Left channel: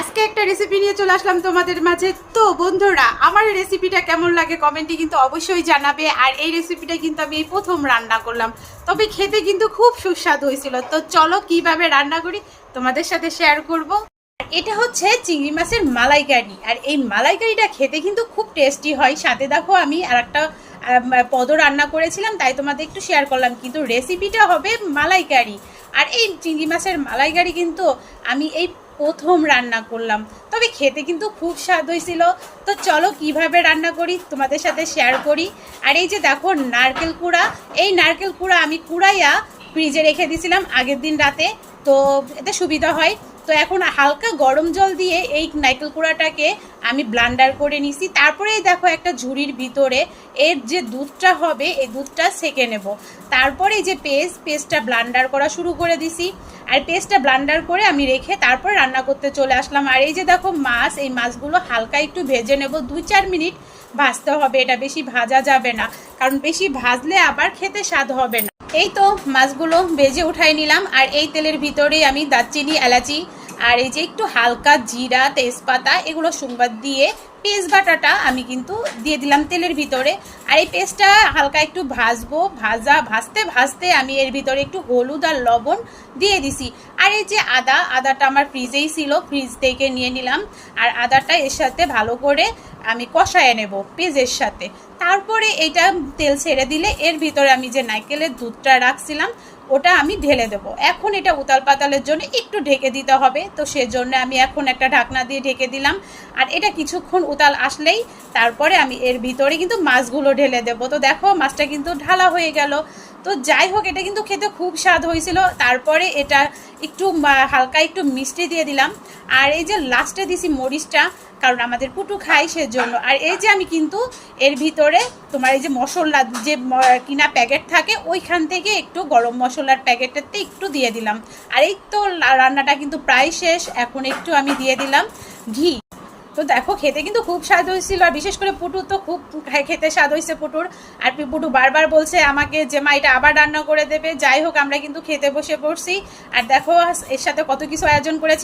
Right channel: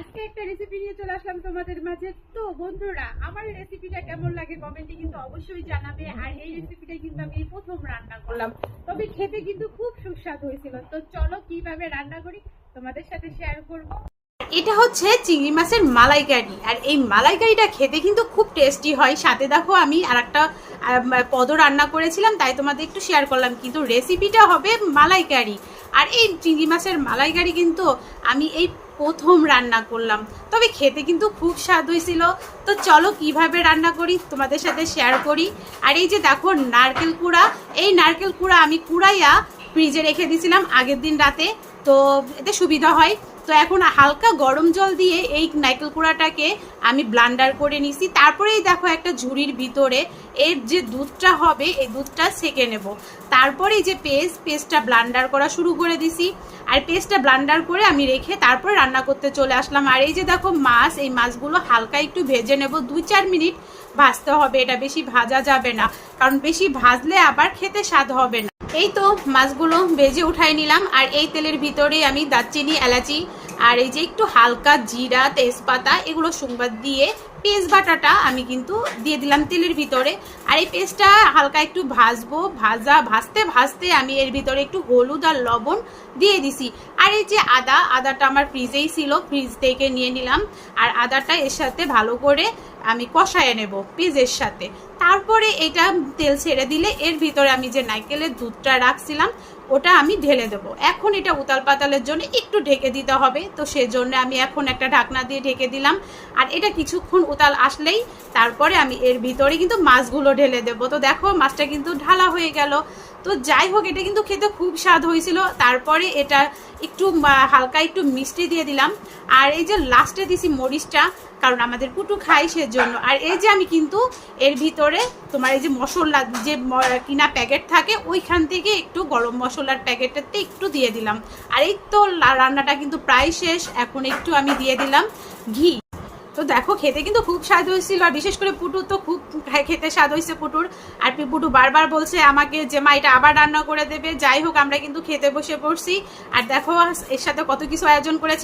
আজকে একটা রেসিপি নিয়ে চলে আসলাম তোমাদের মাঝে। তো বন্ধুরা, আমার এই রেসিপিটা কেমন লাগে কমেন্টে কিন্তু অবশ্যই জানাবে। আর এই রেসিপিটা কিন্তু আমি এই প্রথম রান্না করলাম, তবে খেতে কিন্তু খুব সুস্বাদু হয়েছিল। তো চলো কিভাবে রান্না করি তোমাদের সাথে শেয়ার করব। এটা হচ্ছে চিংড়ি মাছের মালাইকারি, আর এই মালাইকারিটা খেতে কিন্তু খুব টেস্টি হয়। সাথে দেখো আমি আর একটা পদ রান্না করেছিলাম, তাই তোমাদের একটু শেয়ার করলাম, কিন্তু রেসিপিটা হবে মালাইকারি। আর এই চিংড়ি মাছের মালাইকারি কিন্তু আমি এই প্রথম রান্না করলাম, তবে খেতে কিন্তু খুব স্বাদ হয়েছিল। তো চলো কিভাবে রান্না করি তোমাদের সাথে শেয়ার করি। আর এই যে দেখো নারকেল কুড়া, এই নারকেল কুড়া আমি কুড়াইয়া ফ্রিজে রেখে দিয়েছিলাম আগের দিন রাতে, তো এতে সুবিধা হয়। তো এখন হালকা গরম জল দিয়ে এই নারকেল কুড়াটাকে আমি ব্লান্ডার করে নিছি। তারপরেই দেখো একটা ঝুড়ির ভিতরে এর যে দুধটা হবে এই দুধটা সেকে নেব। তারপরে যে পেস্টটা ব্লান্ডার করা শুরু করে দিছি। আর পেস্টটা ব্লান্ডার করে আমি রেখে তারপর রান্না করতে চলে আসলাম। আর এই যে দেখো মাছ, এই মাছগুলো হালকা একটু ভেজে নেব, 2-4 মিনিট ভাজতে হবে। এটা বেশি ভাজা যাবে না, কারণ বেশি ভাজলে আবার খেতে স্বাদ হবে না। এই তো মাছগুলো ভেজে উঠাই নিলাম। আর এই তেলের ভিতরে আমি দারচিনি, এলাচি আর এই যে একটু হালকা জিরা, তেজপাতা এগুলো সংবাদ দিয়ে পেস্ট বাটাটা আমি কিন্তু দিয়ে দিলাম তেলের ভিতরে। আর এই পেস্টটা হালকা একটু ভাজবো। ভাজতে ভাজতে আমি এর ভিতরে একটু হলুদ আর লবণ দিয়ে দিছি। আর এই যে আদাটা আমার ফ্রিজেই ছিল, ফ্রিজ থেকে নিয়ে নিলাম। আর আদাটা এর সাথে ভালো করে আমি কষায় নেব পেঁয়াজের সাথে। তারপরে এটা তেল ছেড়ে দিলে এর ভিতরে আমি যে নারকেলের দুধটা রাখছিলাম ওটা আমি ঢেলে দেবো। এখন এটা উতাল পাতালের জন্য একটু ঢেকে দিতে হবে, তো সেজন্য আমি এখন একটা ঢাকনা দিয়ে ঢেকে দিলাম। আর এটা কিছুক্ষণ উতাল আসলেই তারপরে আমি এর ভিতরে কিন্তু মাছগুলো ঢেলে দেবো। তো দেখো মাছটা কিন্তু ঢালা হয়ে গেল। তো যাই হোক, এটা কিন্তু খেতে খুব স্বাদ হয়েছিল। তারপরে এটা একটু হালকা একটু মিষ্টি দিয়ে দিলাম। আর এই যে লাস্টে দিছি মরিচটা, কারণ আমাদের পুটু খাই সেজন্য। আর এই যে আমি কিন্তু এর ভিতরে তোমার এই যে মশলা যে কিনা প্যাকেট থাকে ওইখান থেকে একটু গরম মশলার প্যাকেটেতে একটু দিয়ে দিলাম। আর এই তো রান্নাটা কিন্তু প্রায় শেষ। এখন একটু আমি দিয়ে দিলাম ঘি। তো দেখো খেতে কিন্তু খুব স্বাদ হয়েছিল। আর বিশেষ করে পুটু তো খুব খেতে স্বাদ হয়েছে পুটুর। আর পুটু বারবার বলছে আমাকে যে মা এটা আবার রান্না করে দেবে। যাই হোক, আমরা কিন্তু খেতে বসে পড়ছি। আর দেখো এর সাথে কত কিছু আয়োজন করেছি।